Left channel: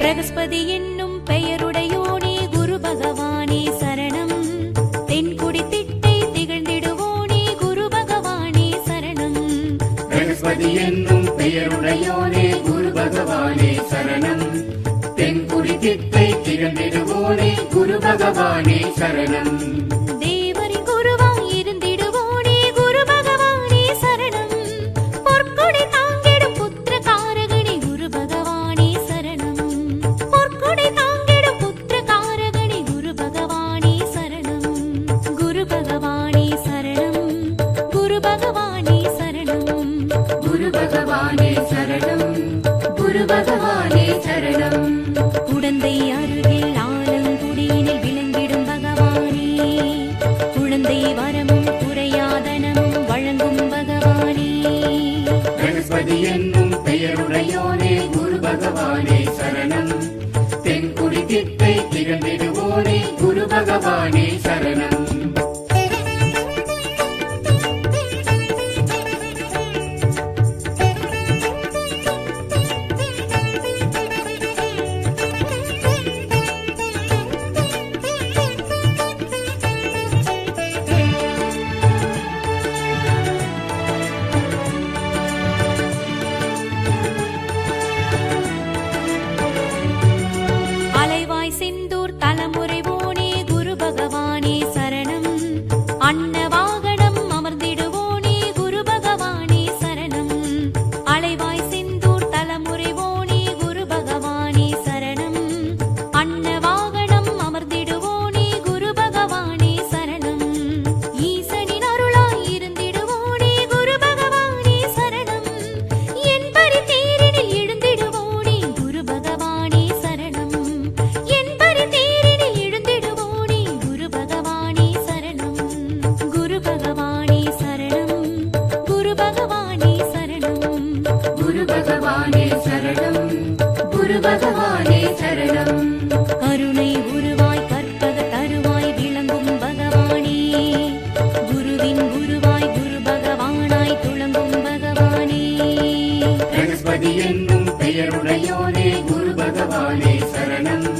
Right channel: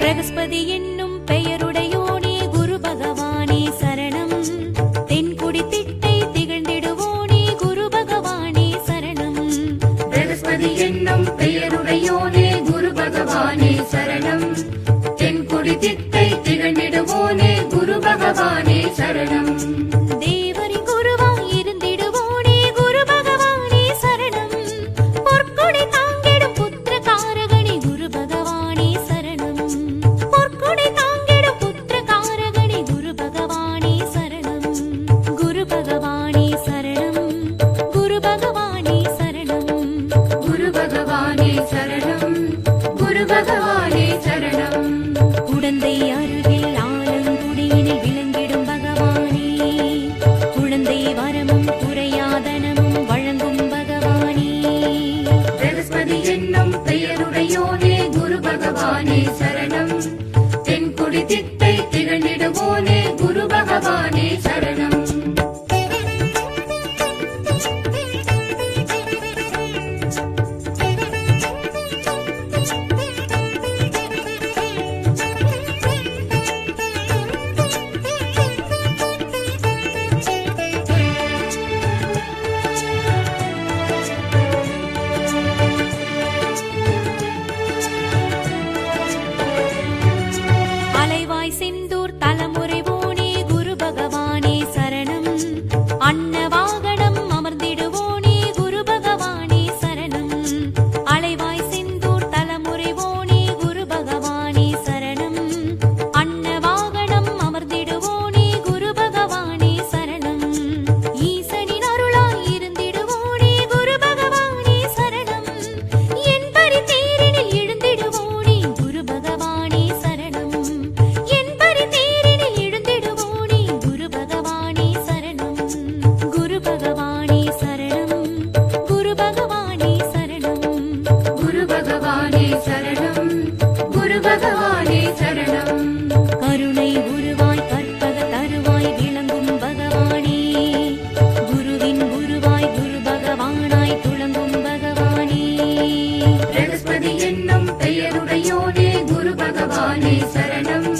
பிரகஸ்பதி என்னும் பெயருடையோனே குரு பகவானே சரணம். தென்குடி திட்டை திகழ்ந்திடுவோனே குரு பகவானே சரணம். பிரகஸ்பதி என்னும் பெயருடையோனே குரு பகவானே சரணம். தென்குடி திட்டை திகழ்ந்திடுவோனே குரு பகவானே சரணம். தேவரின் குருவாய் இருந்திடுவோனே குரு பகவானே சரணம். பொற்கொடை தாங்கிடும் புத்திர காரகனே குரு பகவானே சரணம். பொற்கொடை தாங்கிடும் புத்திர காரகனே குரு பகவானே சரணம். குரு பகவானே சரணம். குரு பகவானே சரணம். குரு பகவானே சரணம். குரு பகவானே சரணம். குடந்தை அருகில் ஆலங்குடியினில் விளங்கிடும் பகவானே. குழந்தை வரமும் குறையாதனமும் வழங்கும் பகவானே. பிரகஸ்பதி என்னும் பெயருடையோனே குரு பகவானே சரணம். தென்குடி திட்டை திகழ்ந்திடுவோனே குரு பகவானே சரணம். அலைவாய் செந்தூர் தலைமுறைவோனே குரு பகவானே சரணம். அன்ன வாகனம் அமர்ந்திடுவோனே குரு பகவானே சரணம். அலைவாய் செந்தூர் தலைமுறைவோனே குரு பகவானே சரணம். அன்ன வாகனம் அமர்ந்திடுவோனே குரு பகவானே சரணம். ஈசனின் அருளாய் இருந்திடுவோனே குரு பகவானே சரணம். என்பரி தேரினில் எழுந்திடுவோனே குரு பகவானே சரணம். என்பரி தேரினில் எழுந்திடுவோனே குரு பகவானே சரணம். குரு பகவானே சரணம். குரு பகவானே சரணம். குரு பகவானே சரணம். குரு பகவானே சரணம். கருணை உருவாய் கற்பக தருவாய் விளங்கும் பகவானே. குருவின் குருவாய் குரு பகவானாய் துளங்கும் பகவானே. பிரகஸ்பதி என்னும் பெயருடையோனே குரு பகவானே சரணம்.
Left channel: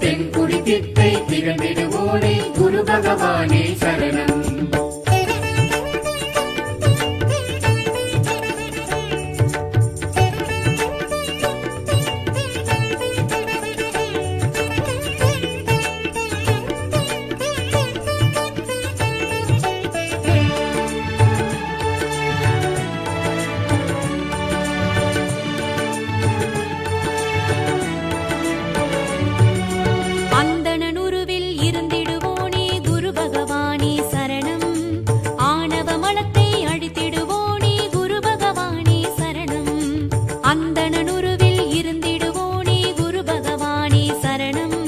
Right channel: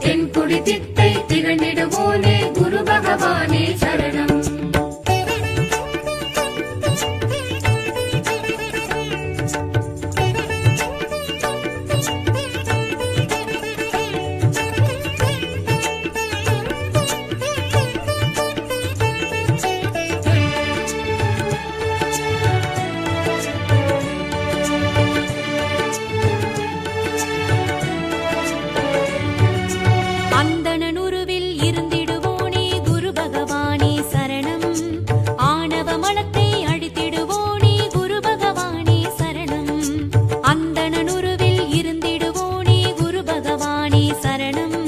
தென்குடி திட்டை திகழ்ந்திடுவோனே குரு பகவானே சரணம். அந்தணனுருவில் இருந்திடுவோனே குரு பகவானே சரணம். ஆணவ மலத்தை அழித்திடுவோனே குரு பகவானே சரணம். அந்தணனுருவில் இருந்திடுவோனே குரு பகவானே சரணம்.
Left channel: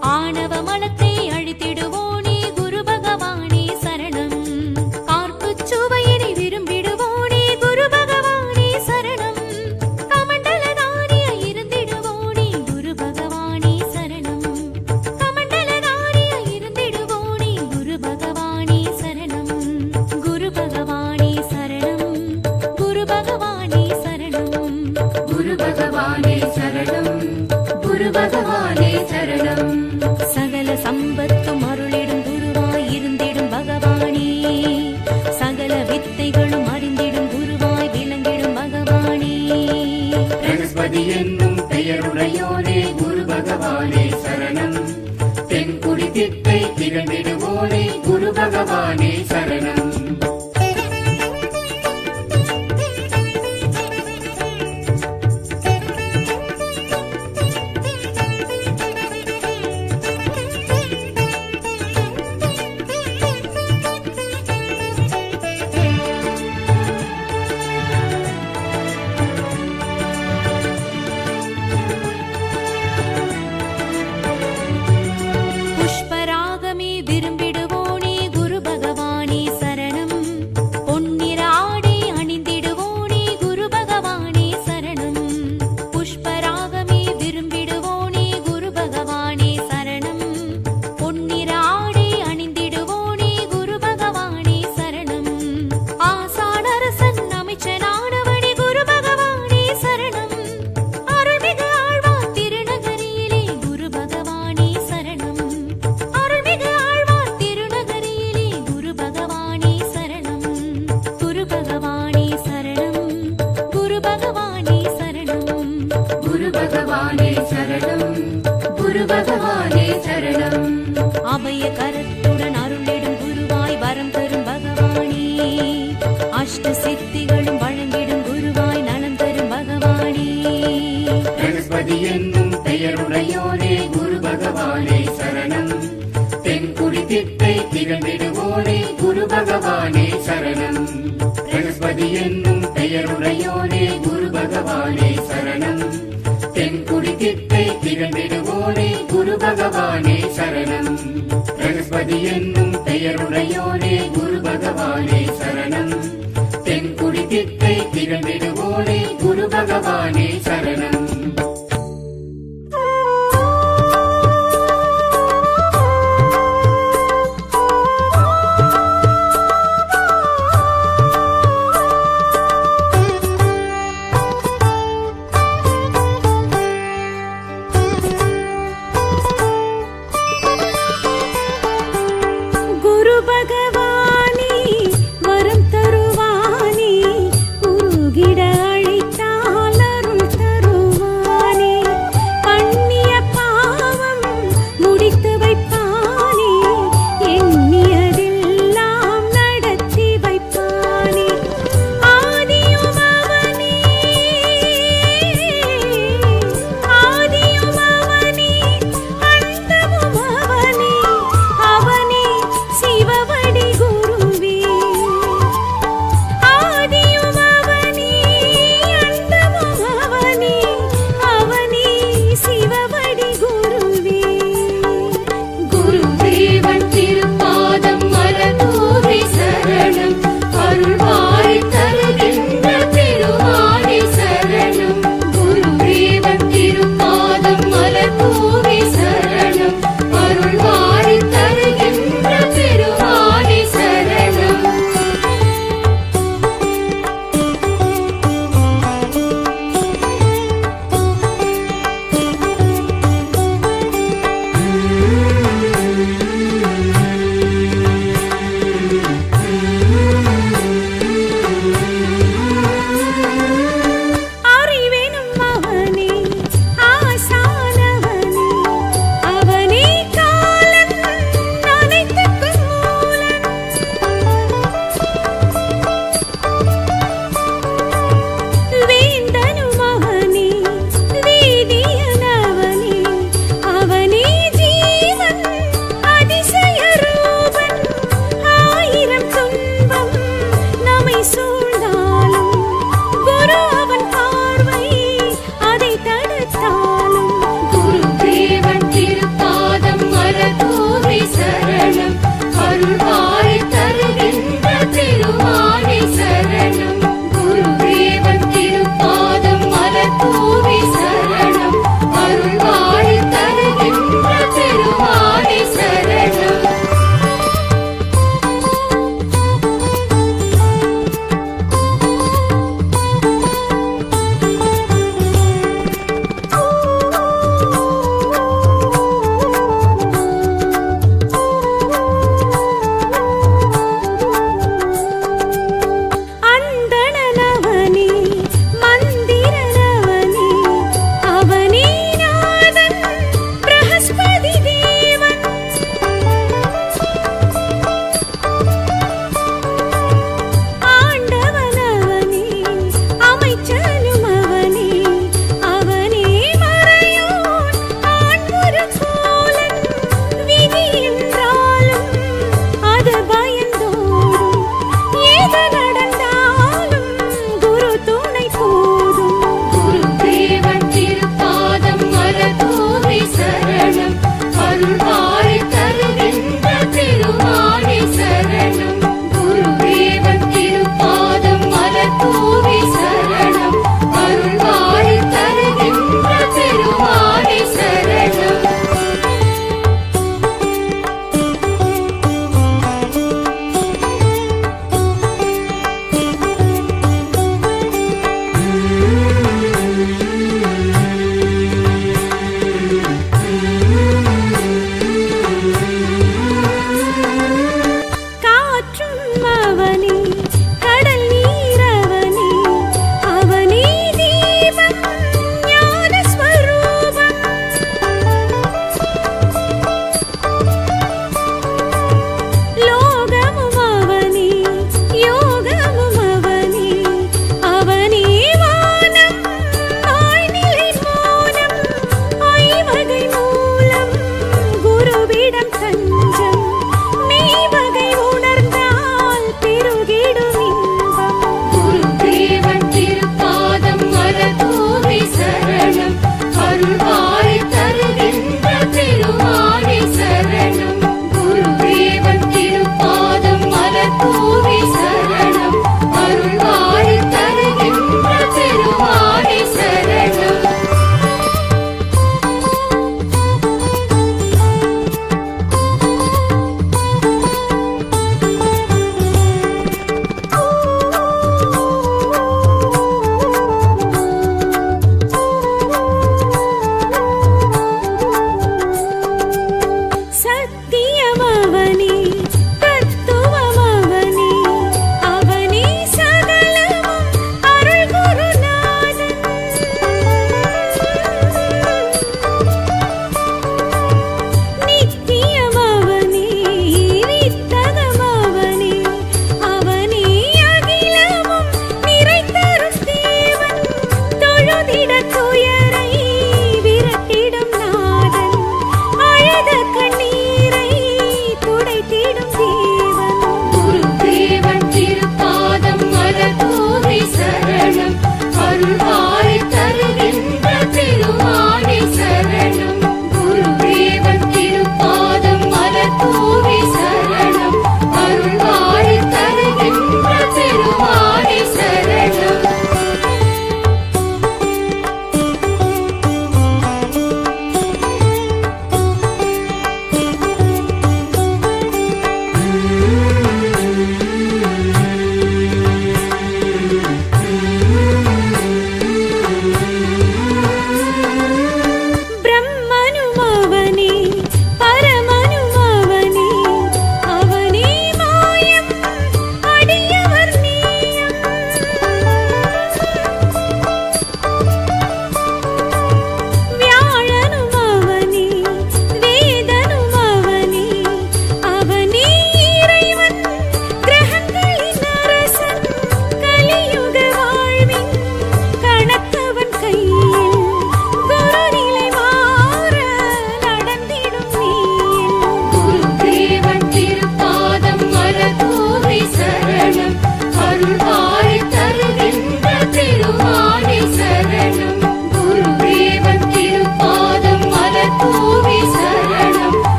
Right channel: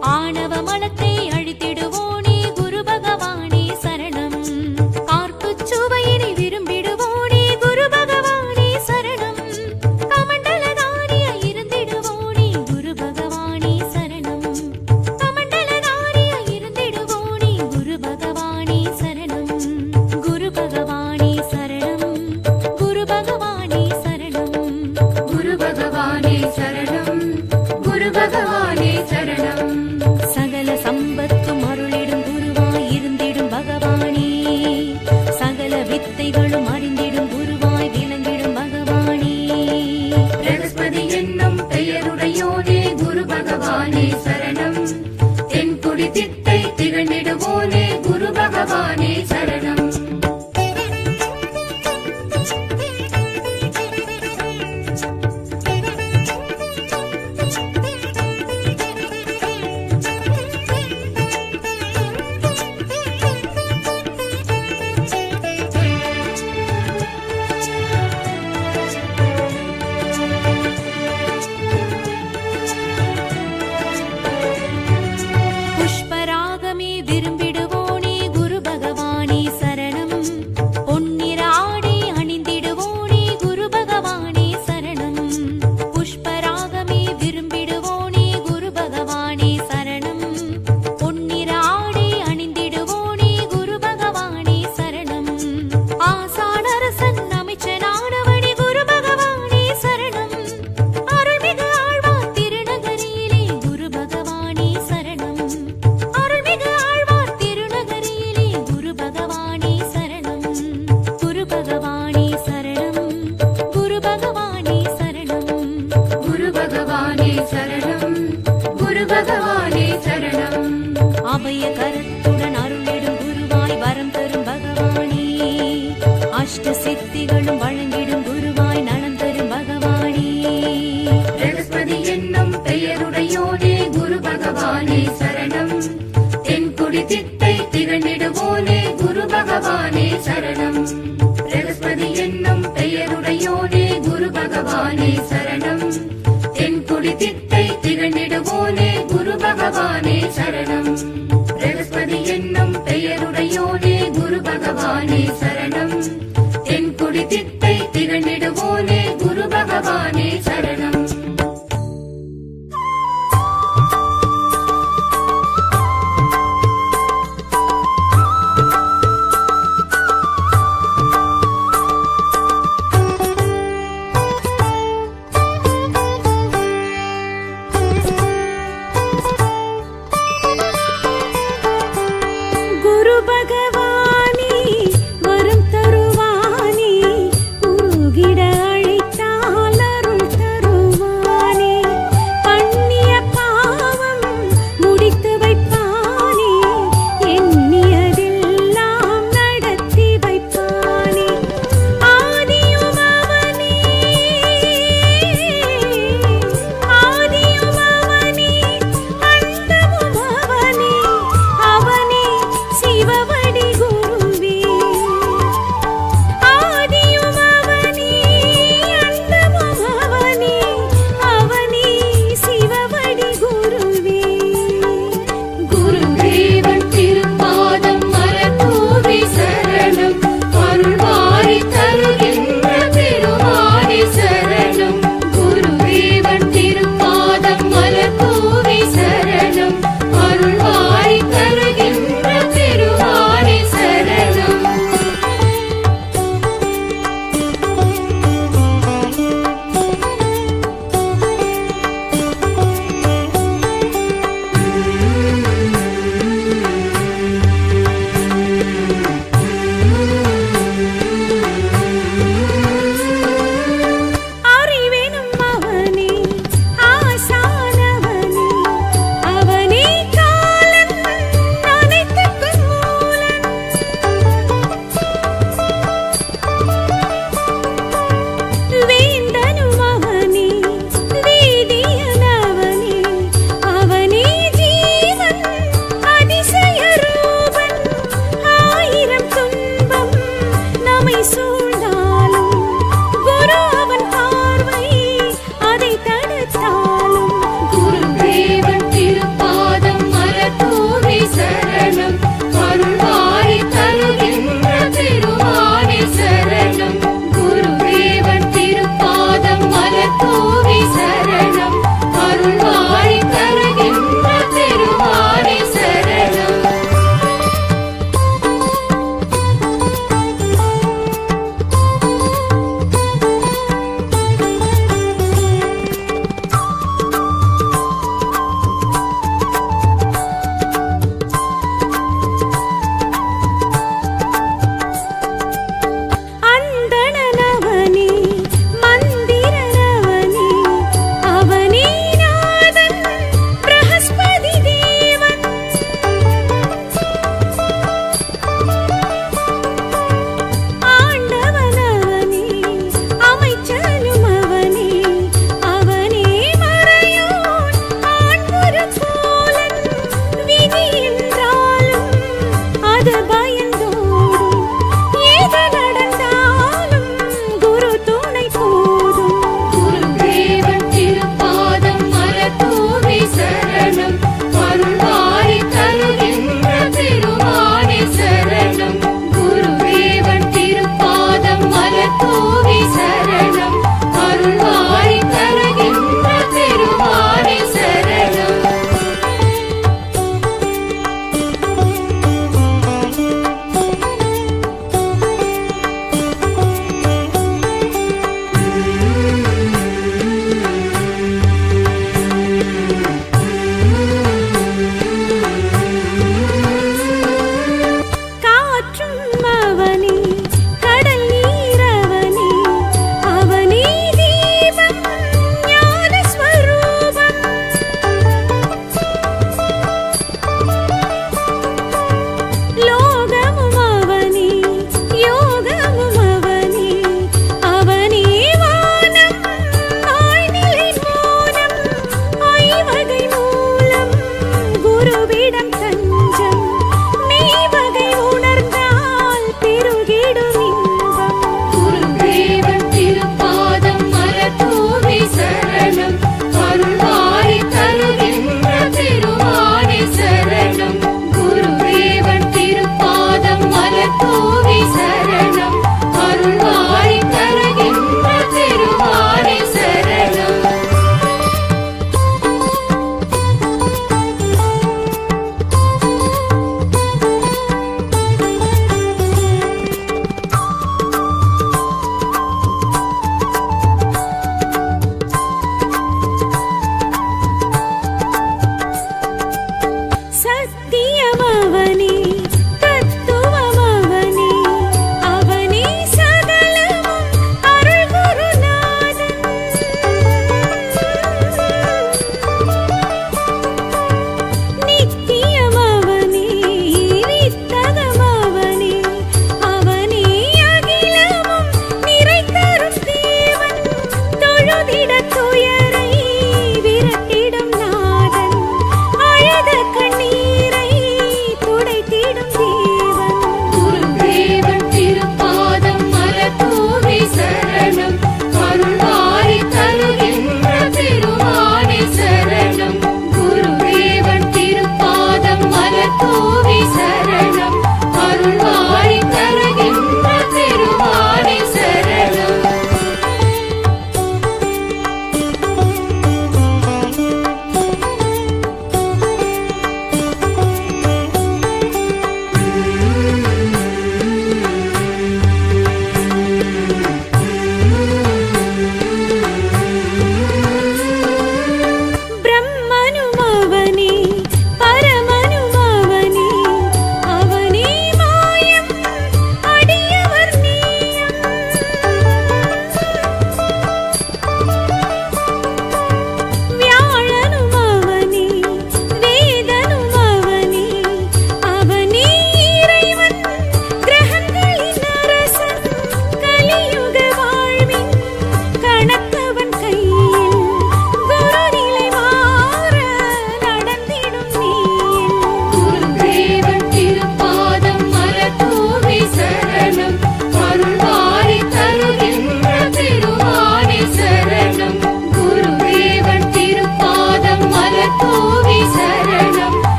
ஆணவ மலத்தை அழித்திடுவோனே குரு பகவானே சரணம். கார்ப்புச் சுவையினை விரும்பிடுவோனே குரு பகவானே சரணம். கமண்டலதாரியாய் இருந்திடுவோனே குரு பகவானே சரணம். கமண்டலதாரியாய் இருந்திடுவோனே குரு பகவானே சரணம். குரு பகவானே சரணம். குரு பகவானே சரணம். குரு பகவானே சரணம். குரு பகவானே சரணம். சகல சம்பத்தும் அருளிடும் குருவாய் இருந்திடும் பகவானே. சகல வித்தைகளும் அறிந்திடும் குருவாய் விளங்கிடும் பகவானே. பிரகஸ்பதி என்னும் பெயருடையோனே குரு பகவானே சரணம். தென்குடி திட்டை திகழ்ந்திடுவோனே குரு பகவானே சரணம். குரு பகவானே சரணம். குரு பகவானே சரணம். குரு பகவானே சரணம். அபய கரத்துடன் அருளிடும் குருவாய் வரம் தரும் பகவானே. அஷ்ட சித்திகளும் வழங்கிடும் குருவாய் நலம் தரும் பகவானே. பிரகஸ்பதி என்னும் பெயருடையோனே குரு பகவானே சரணம். தென்குடி திட்டை திகழ்ந்திடுவோனே குரு பகவானே சரணம். பிரகஸ்பதி என்னும் பெயருடையோனே குரு பகவானே சரணம். தென்குடி திட்டை திகழ்ந்திடுவோனே குரு பகவானே சரணம். பிரகஸ்பதி என்னும் பெயருடையோனே குரு பகவானே சரணம். தென்குடி திட்டை திகழ்ந்திடுவோனே குரு பகவானே சரணம். குரு பகவானே வரும்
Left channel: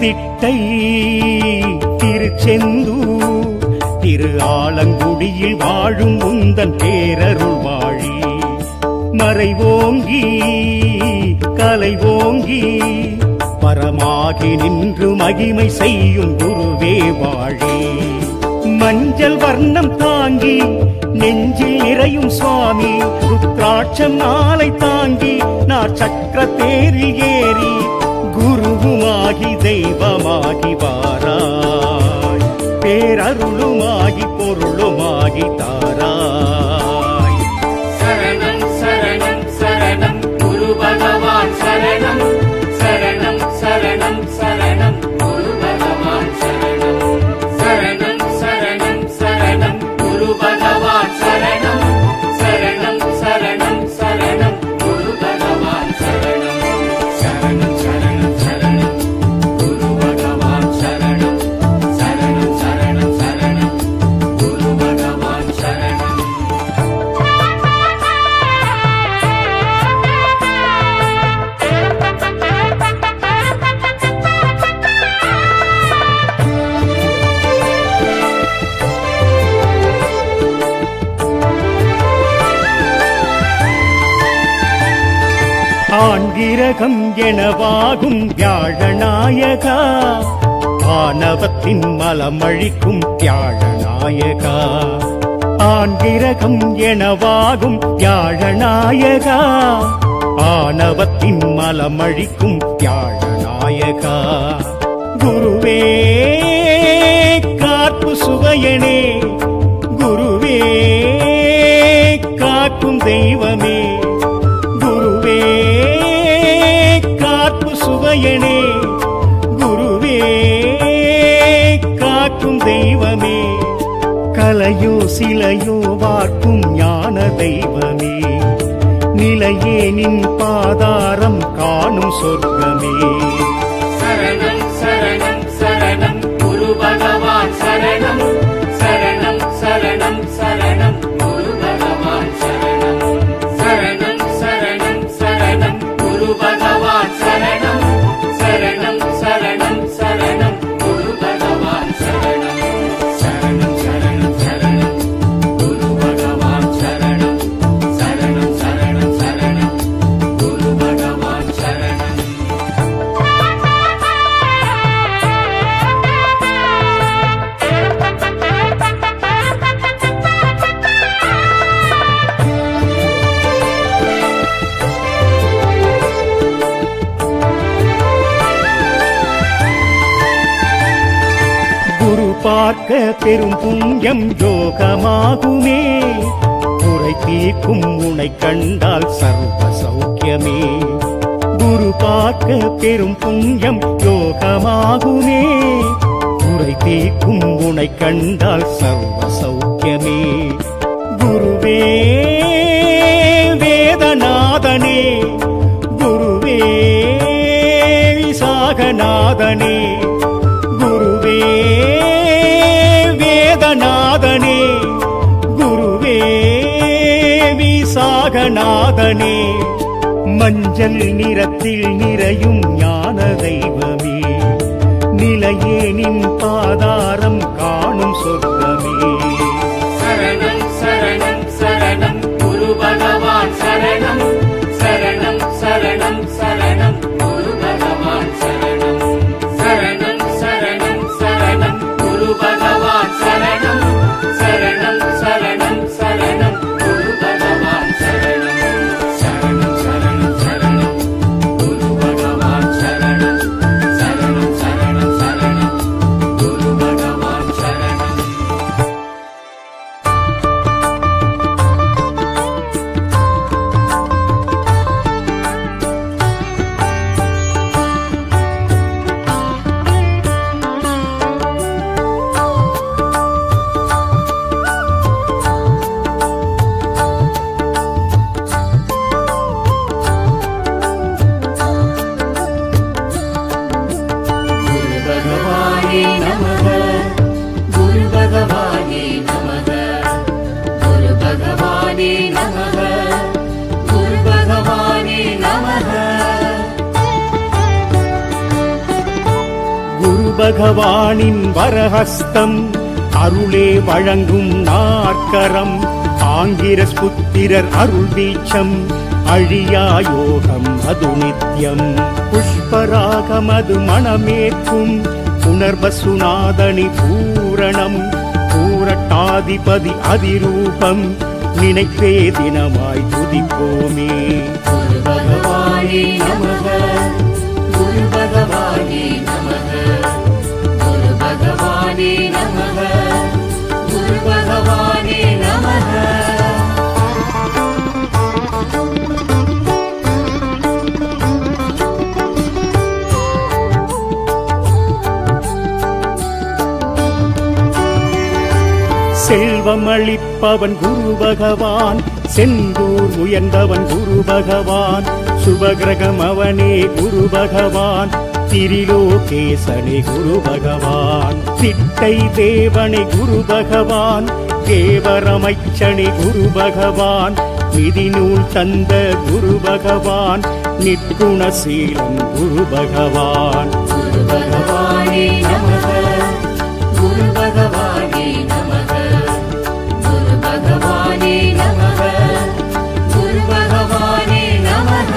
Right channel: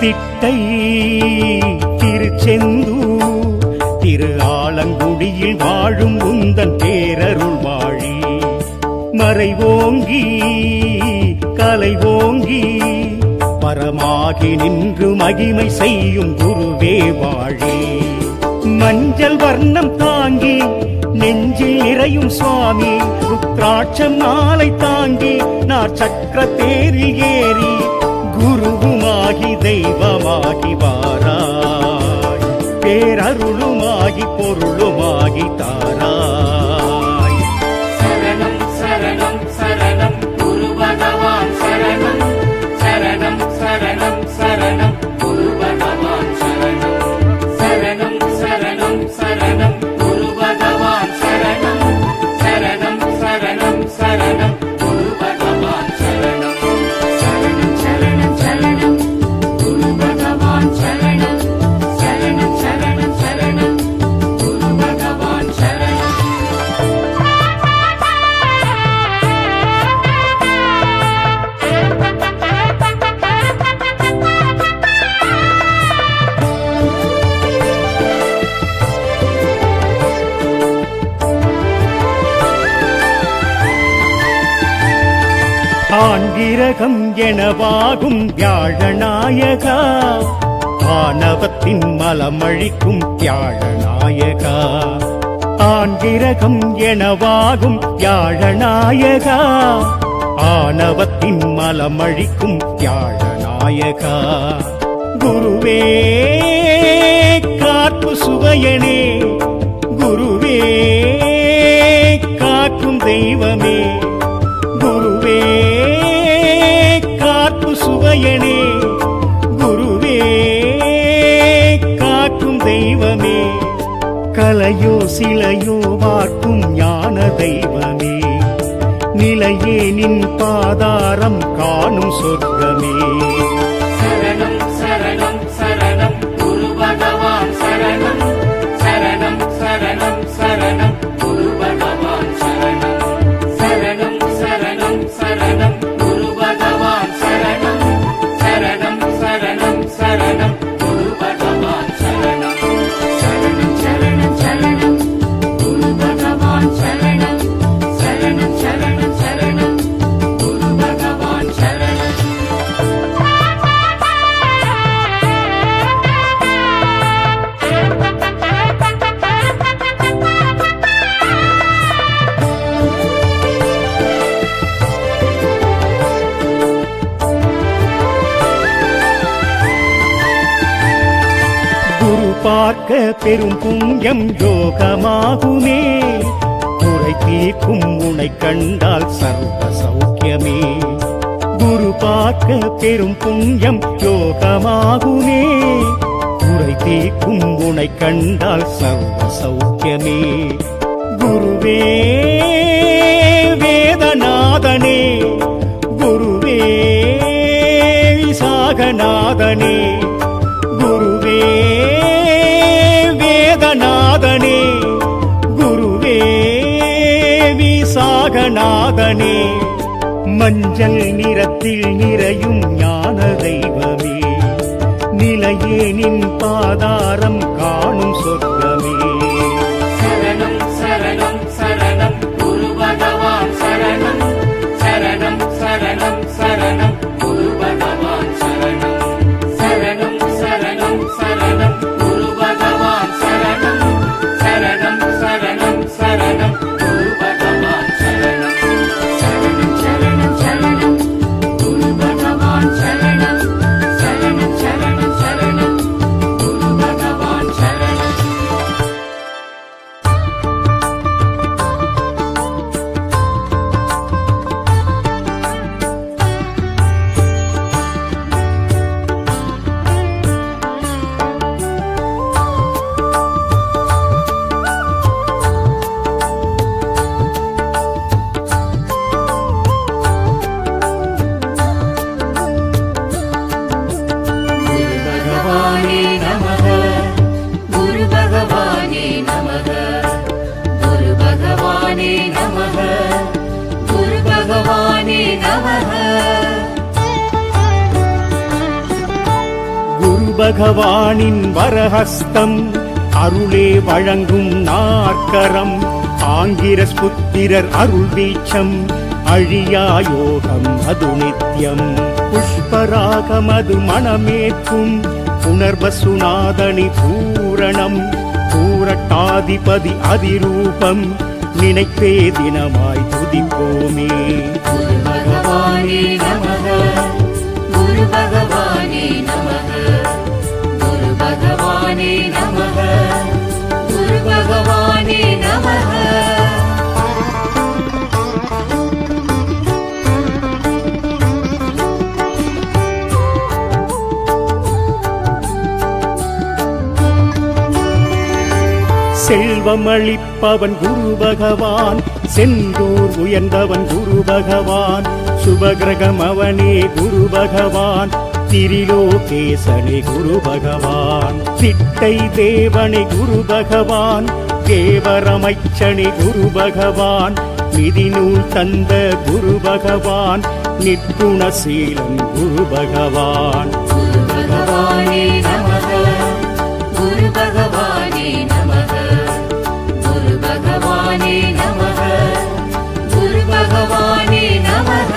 திட்டை திருச்செந்தூர் திரு ஆலங்குடியில் வாழும் உந்தன் பேரருள் வாழி மறைவோங்கி கலைவோங்கி பரமாகி நின்று மகிமை செய்யும் குருவே வாழி மஞ்சள் வர்ணம் தாங்கி நெஞ்சில் நிறையும் சுவாமி ருத்ராட்சம் மாலை தாங்கி நார் சக்கர தேரில் ஏறி குருவுமாகி தெய்வமாகி வாராய் பேரருளுமாகி பொருளுமாகி தாராய் சரணம் சரணம் சரணம் குரு பகவான் சரணம் சரணம் சரணம் சரணம் குரு பகவான் சரணம் சரணம் சரணம் சரணம் குரு பகவான் சரணம் சரணம் சரணம் சரணம் குரு பகவான் சரணம் சரணம் சரணம் சரணம் குரு பகவான் சரணம் சரணம் சரணம் சரணம் குரு பகவான் சரணம் ஆண்கிரகம் எனவாகும் வியாழநாயகா ஆணவத்தின் மலமழிக்கும் வியாழநாயகா ஆண்கிரகம் எனவாகும் வியாழநாயகா ஆணவத்தின் மலமழிக்கும் வியாழநாயகா குருவே காப்பு சுவையனே குருவே காக்கும் தெய்வமே குருவே காப்பு சுவையனே குருவே காக்கும் தெய்வமே கலையோ சிலையோ வார்க்கும் ஞான தெய்வமே நிலையே நின் பாதாரம் காணும் சொர்க்கமே சரணம் சரணம் சரணம் குரு பகவான் சரணம் சரணம் சரணம் சரணம் குரு பகவான் சரணம் சரணம் சரணம் சரணம் குரு பகவான் சரணம் சரணம் சரணம் சரணம் குரு பகவான் சரணம் சரணம் சரணம் சரணம் குரு பகவான் சரணம் சரணம் சரணம் சரணம் குரு பகவான் சரணம் குரு பார்க்க பெரும் புண்ணியம் யோகமாகுமே குறை தீர்க்கும் உனை கண்டால் சர்வ சௌக்கியமே குரு பார்க்க பெரும் புண்ணியம் யோகமாகுமே குறை தீர்க்கும் உனை கண்டால் சர்வ சௌக்கியமே குருவே வேதநாதனே குருவே விசாகநாதனே குருவே வேதநாதனே குருவே விசாகநாதனே மஞ்சள் நிறத்தில் நிறையும் ஞான தெய்வமே நிலையே நின் பாதாரம் காணும் சொர்க்கமே சரணம் சரணம் சரணம் குரு பகவான் சரணம் சரணம் சரணம் சரணம் குரு பகவான் சரணம் சரணம் சரணம் சரணம் குரு பகவான் சரணம் சரணம் சரணம் சரணம் குரு பகவான் சரணம் சரணம் சரணம் சரணம் குரு பகவான் சரணம் சரணம் சரணம் சரணம் குரு பகவான் சரணம் குரு பகவானே நமக குரு பகவானே நமக குரு பகவானே நமக குரு பகவானே நமக பகவானின் வரஹஸ்தம் அருளே வழங்கும் நாற்கரம் ஆங்கிரஸ் புத்திரர் அருள் வீச்சம் அழியா யோகம் அது நித்யம் புஷ்பராகமது மணமேற்கும் புனர்வசுநாதனி பூரணம் பூரட்டாதிபதி அதிரூபம் நினைப்பே தினமாய் துதிப்போமே. குரு பகவானே நமக, குரு பகவானே நமக, குரு பகவானே நமக, குரு பகவானே நமக. செல்வம் அளிப்பவன் குரு பகவான், செந்தூர் உயர்ந்தவன் குரு பகவான், சுபகிரகம் அவனே குரு பகவான், திரிலோகேசனே குரு பகவான், திட்டை தேவனே குரு பகவான், தேவரமைச்சனே குரு பகவான், நிதிநூல் தந்த குரு பகவான், நிற்குணசீலன் குரு பகவான். குரு பகவானே நமக, குரு பகவானே நமக, குரு பகவானே நமக, குரு பகவானே நமக.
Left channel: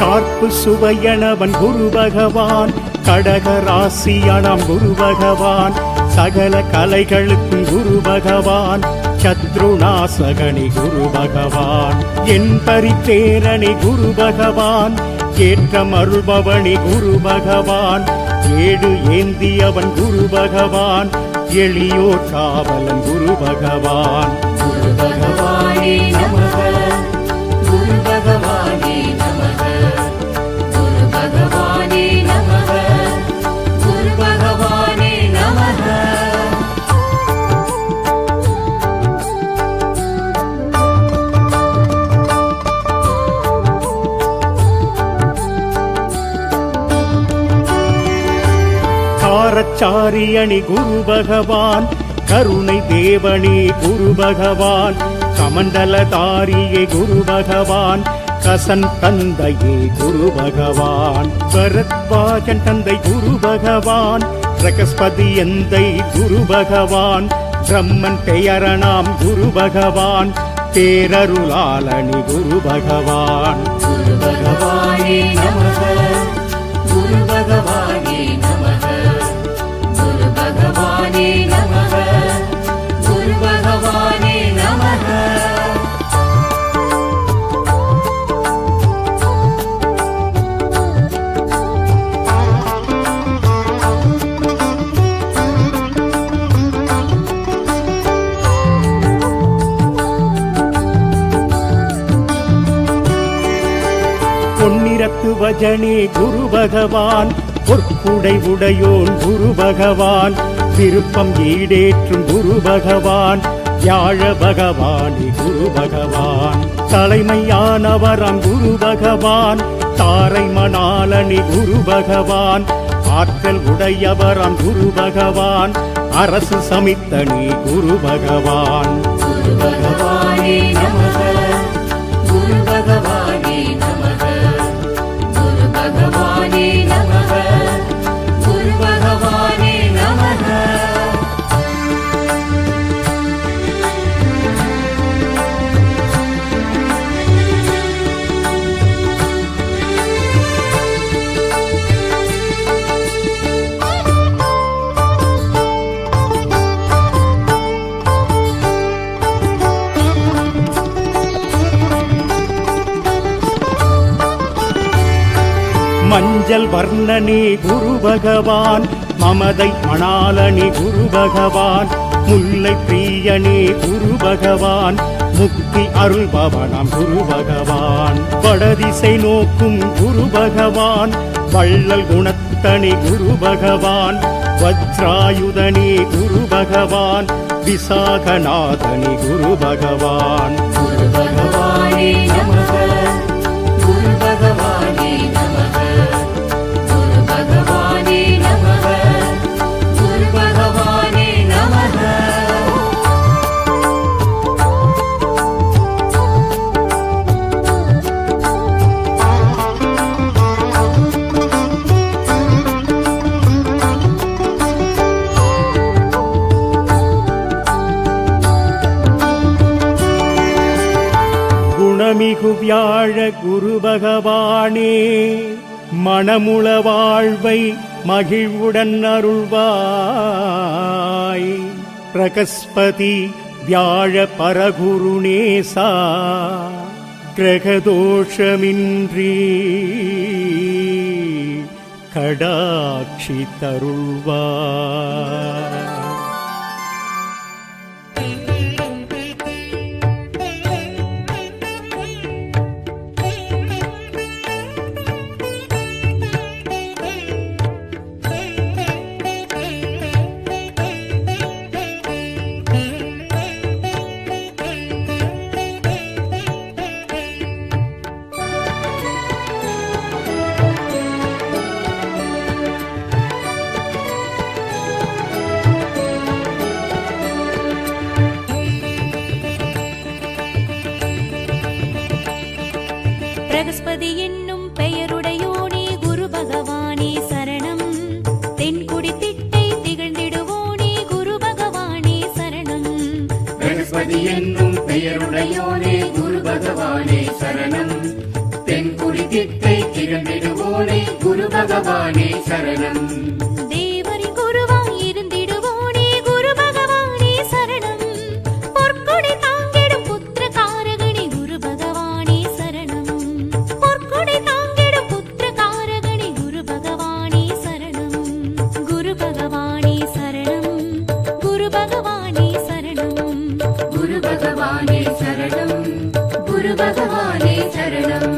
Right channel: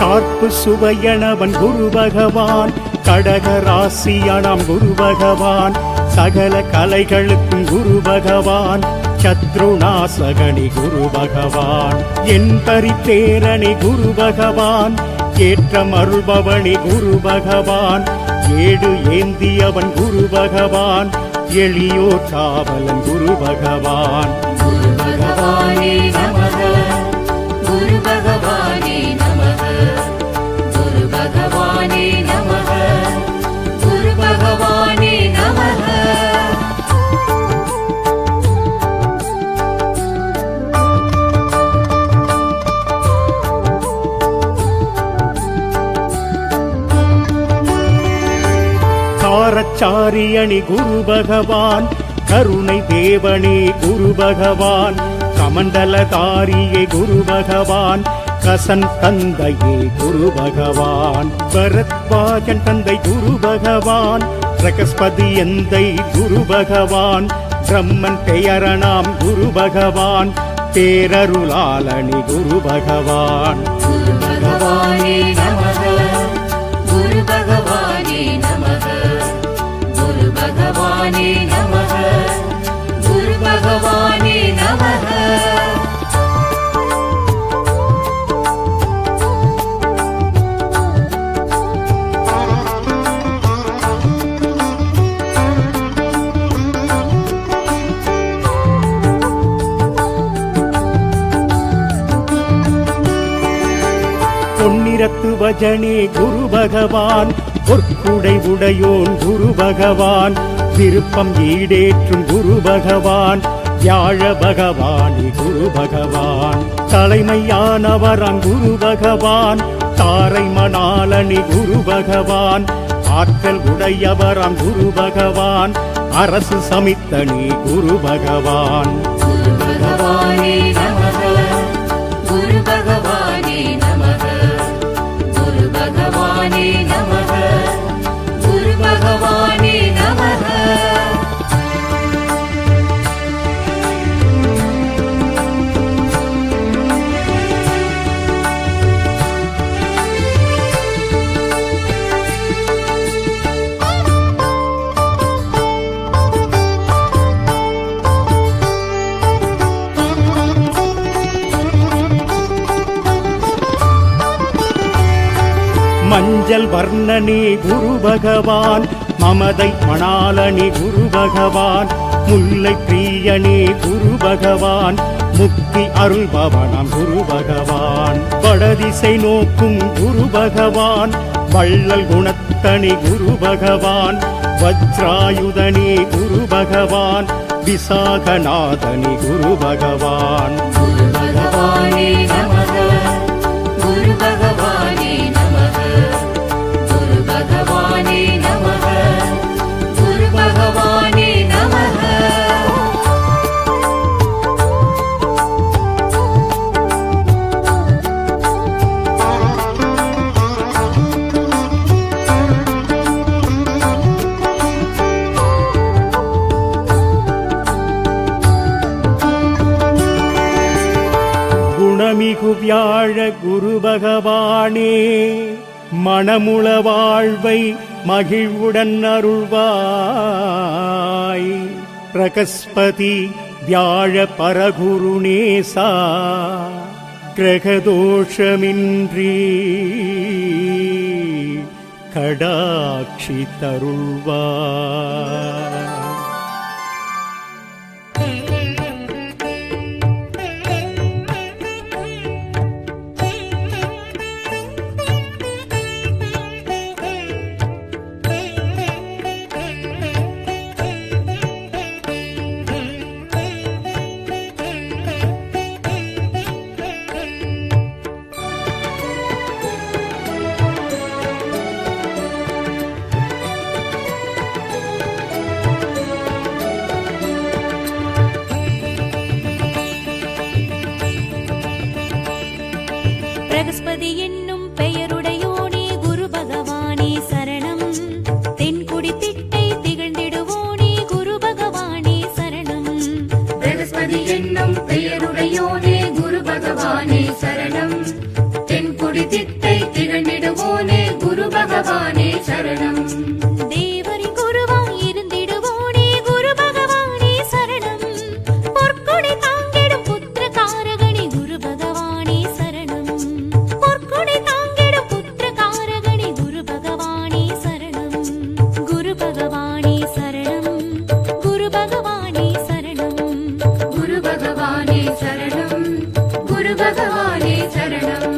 கார்ப்பு சுவையனவன் குரு பகவான், கடகராசியானாம் குரு பகவான், சகல கலைகளுக்கும் குரு பகவான், சத்ருநாசகனி குரு பகவான், என் பரித்தேரணி குரு பகவான், ஏற்றம் அருள்பவனி குரு பகவான், ஏடு ஏந்தியவன் குரு பகவான், எளியோர் காவலன் குரு பகவான். குரு பகவானே நமக, குரு பகவானே நமக, குரு பகவானே நமக, குரு பகவானே நமக. காரச்சாரியணி குரு பகவான், கருணை தேவனே குரு பகவான், கமண்டலதாரியே குரு பகவான், கசன் தந்தையே குரு பகவான், பரத்வாஜன் தந்தை குரு பகவான், பிரகஸ்பதி எந்தை குரு பகவான், பிரம்மன் பெயரணாம் குரு பகவான், பேரருளாளனி குரு பகவான். குரு பகவானே நமக, குரு பகவானே நமக, குரு பகவானே நமக, குரு பகவானே நமக. பொன்னிறத்து வஜனே குரு பகவான், பொற்குடை உடையோன் குரு பகவான், விருப்பம் ஈடேற்றும் குரு பகவான், வியாழ பகவானே குரு பகவான், தலைமையானவராம் குரு பகவான், தாரை மணாலனி குரு பகவான், ஆற்றல் உடையவராம் குரு பகவான், அரசு சமித்தனி குரு பகவான். குரு பகவானே நமக, குரு பகவானே நமக, குரு பகவானே நமக, குரு பகவானே நமக. மஞ்சள் வர்ணனே குரு பகவான், மமதை மணாலனி குரு பகவான், முல்லை பிரியனே குரு பகவான், முக்தி அருள்பவனாம் குரு பகவான், வடதிசை நோக்கும் குரு பகவான், வள்ளல் குணத்தனி குரு பகவான், வஜ்ராயுதனே குரு பகவான், விசாகநாதனி குரு பகவான். குரு பகவானே நமக, குரு பகவானே நமக, குரு பகவானே நமக, குரு பகவானே நமக. குணமிகு வியாழ குரு பகவானே, மணமுள வாழ்வை மகிழ்வுடன் அருள்வாய். பிரகஸ்பதி வியாழ பரகுருநேசா, கிரகதோஷமின்றி கடாட்சி தருள்வாய். பிரகஸ்பதி என்னும் பெயருடையோனே குரு பகவானே சரணம். தென்குடி திட்டை திகழ்ந்திடுவோனே குரு பகவானே சரணம். பிரகஸ்பதி என்னும் பெயருடையோனே குரு பகவானே சரணம். தென்குடி திட்டை திகழ்ந்திடுவோனே குரு பகவானே சரணம். தேவரின் குருவாய் இருந்திடுவோனே குரு பகவானே சரணம். பொற்கொடை தாங்கிடும் புத்திர காரகணி குரு பகவானே சரணம். பொற்கொடை தாங்கிடும் புத்திர காரகணி குரு பகவானே சரணம். குரு பகவானே சரணம். குரு பகவானே சரணம். குரு பகவானே சரணம். குரு பகவானே சரணம்.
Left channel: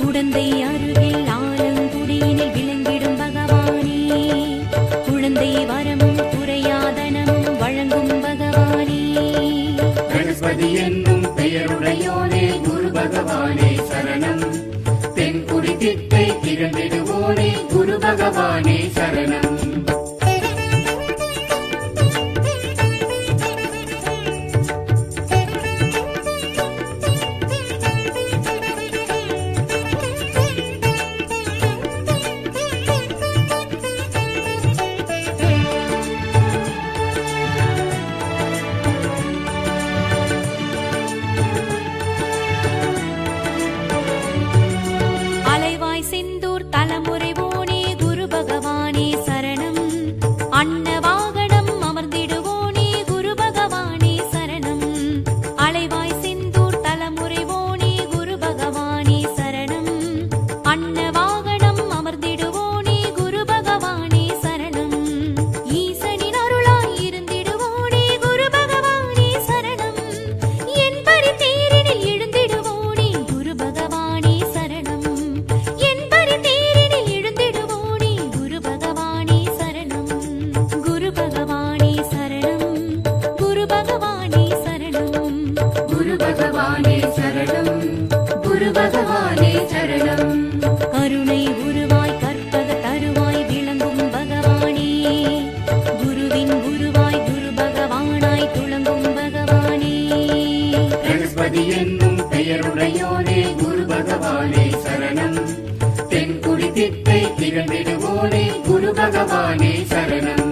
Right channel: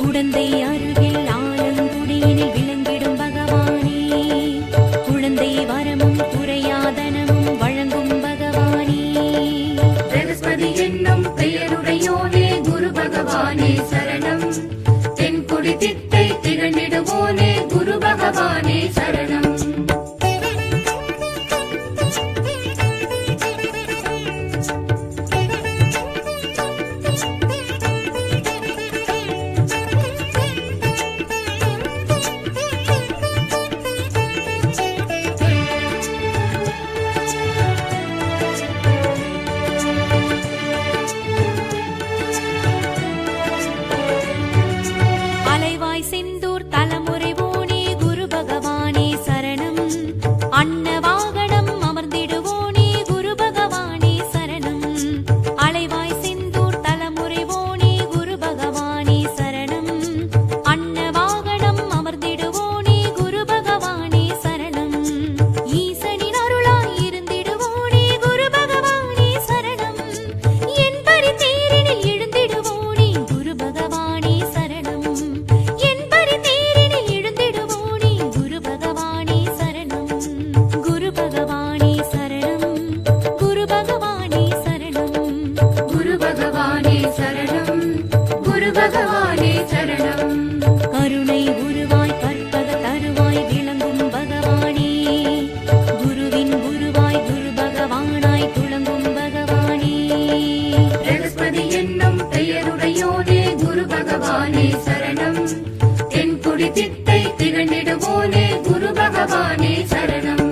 குடந்தை அருகில் ஆலங்குடியினில் விளங்கிடும் பகவானே, குழந்தை வரமும் குறையாதனமும் வழங்கும் பகவானே. பிரகஸ்பதி என்னும் பெயருடையோனே குரு பகவானே சரணம். தென்குடி திட்டை திகழ்ந்திடுவோனே குரு பகவானே சரணம். அலைவாய் செந்தூர் தலைமுறைவோனே குரு பகவானே சரணம். அன்ன வாகனம் அமர்ந்திடுவோனே குரு பகவானே சரணம். அலைவாய் செந்தூர் தலைமுறைவோனே குரு பகவானே சரணம். அன்ன வாகனம் அமர்ந்திடுவோனே குரு பகவானே சரணம். ஈசனின் அருளாய் இருந்திடுவோனே குரு பகவானே சரணம். என் பரி தேரினில் எழுந்திடுவோனே குரு பகவானே சரணம். என் பரி தேரினில் எழுந்திடுவோனே குரு பகவானே சரணம். குரு பகவானே சரணம். குரு பகவானே சரணம். குரு பகவானே சரணம். குரு பகவானே சரணம். கருணை உருவாய் கற்பக தருவாய் விளங்கும் பகவானே, குருவின் குருவாய் குரு பகவானாய் துளங்கும் பகவானே. பிரகஸ்பதி என்னும் பெயருடையோனே குரு பகவானே சரணம். தென்குடி திட்டை திகழ்ந்திடுவோனே குரு பகவானே சரணம்.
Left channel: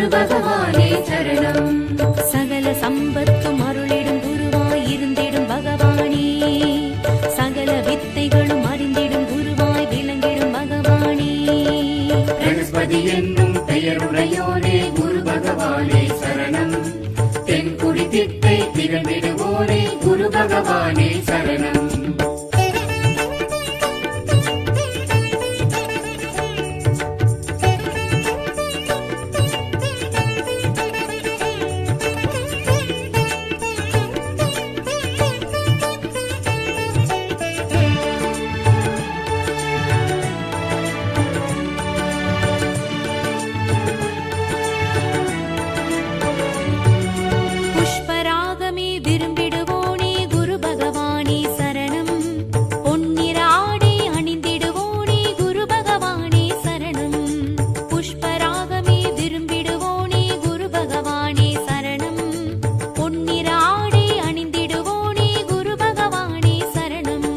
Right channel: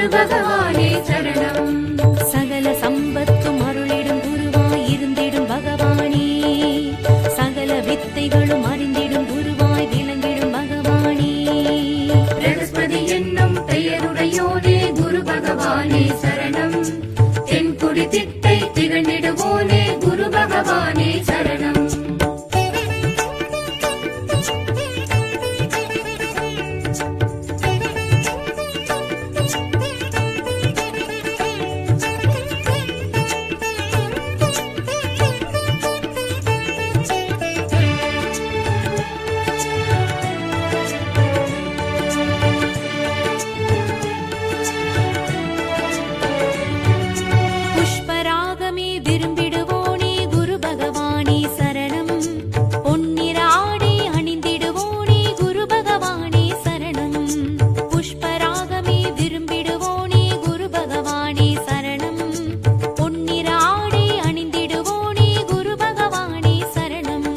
குரு பகவானே சரணம். சகல சம்பத்தும் அருளிடும் குருவாய் இருந்திடும் பகவானே, சகல வித்தைகளும் அறிந்திடும் குருவாய் விளங்கிடும் பகவானே. பிரகஸ்பதி என்னும் பெயருடையோனே குரு பகவானே சரணம். தென்குடி திட்டை திகழ்ந்திடுவோனே குரு பகவானே சரணம். புஷ்பராகமே விரும்பிடுவோனே குரு பகவானே சரணம். பொன்னிற ஆடை அணிந்திடுவோனே குரு பகவானே சரணம். புஷ்பராகமே விரும்பிடுவோனே குரு பகவானே சரணம். பொன்னிற ஆடை அணிந்திடுவோனே குரு பகவானே சரணம்.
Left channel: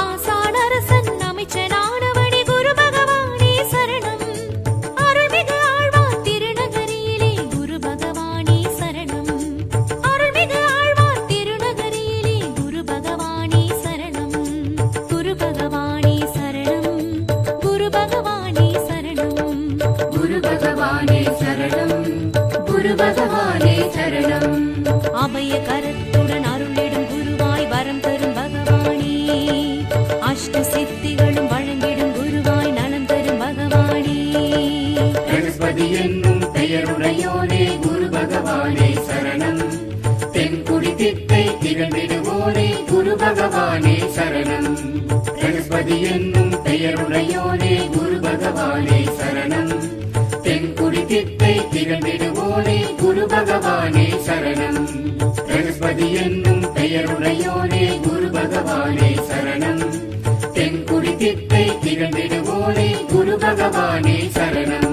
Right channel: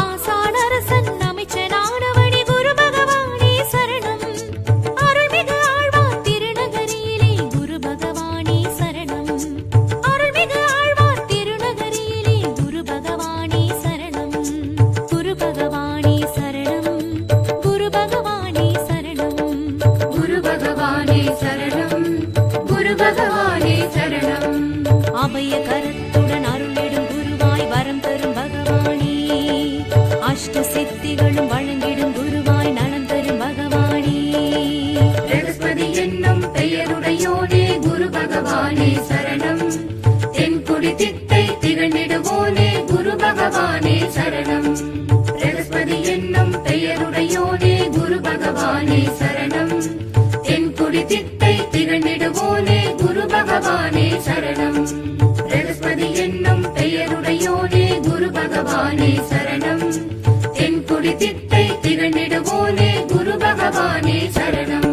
ஆசானரசன் அமைச்சனானவனே குரு பகவானே சரணம். அருள்மிகு ஆழ்வார் திருநகரியிலே குரு பகவானே சரணம். அருள்மிகு ஆழ்வார் திருநகரியிலே குரு பகவானே சரணம். குரு பகவானே சரணம். குரு பகவானே சரணம். குரு பகவானே சரணம். குரு பகவானே சரணம். அபய கரத்துடன் அருளிடும் குருவாய் வரம் தரும் பகவானே, அஷ்ட சித்திகளும் வழங்கிடும் குருவாய் நலம் தரும் பகவானே. பிரகஸ்பதி என்னும் பெயருடையோனே குரு பகவானே சரணம். தென்குடி திட்டை திகழ்ந்திடுவோனே குரு பகவானே சரணம். பிரகஸ்பதி என்னும் பெயருடையோனே குரு பகவானே சரணம். தென்குடி திட்டை திகழ்ந்திடுவோனே குரு பகவானே சரணம். பிரகஸ்பதி என்னும் பெயருடையோனே குரு பகவானே சரணம். தென்குடி திட்டை திகழ்ந்திடுவோனே குரு பகவானே சரணம்.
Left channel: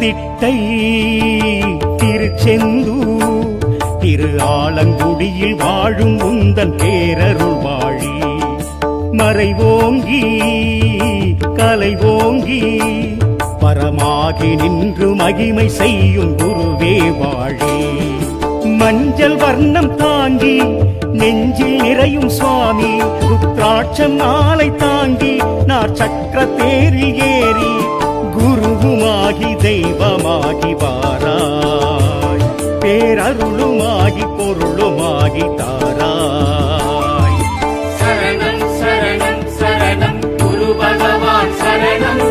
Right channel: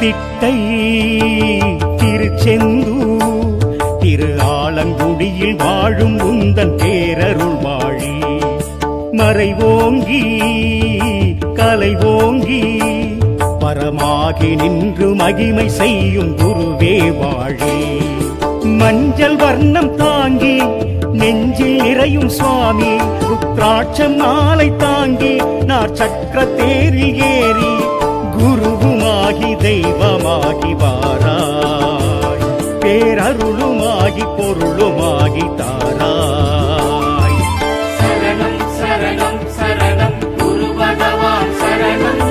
திட்டை திருச்செந்தூர் திரு ஆலங்குடியில் வாழும் உந்தன் பேரருள் வாழி மறைவோங்கி கலைவோங்கி பரமாகி நின்று மகிமை செய்யும் குருவே வாழி மஞ்சள் வர்ணம் தாங்கி நெஞ்சில் நிறையும் சுவாமி ருத்ராட்சம் மாலை தாங்கி நார் சக்கர தேரில் ஏறி குருவுமாகி தெய்வமாகி வாராய் பேரருளுமாகி பொருளுமாகி தாராய் சரணம் சரணம் சரணம் குரு பகவான் சரணம்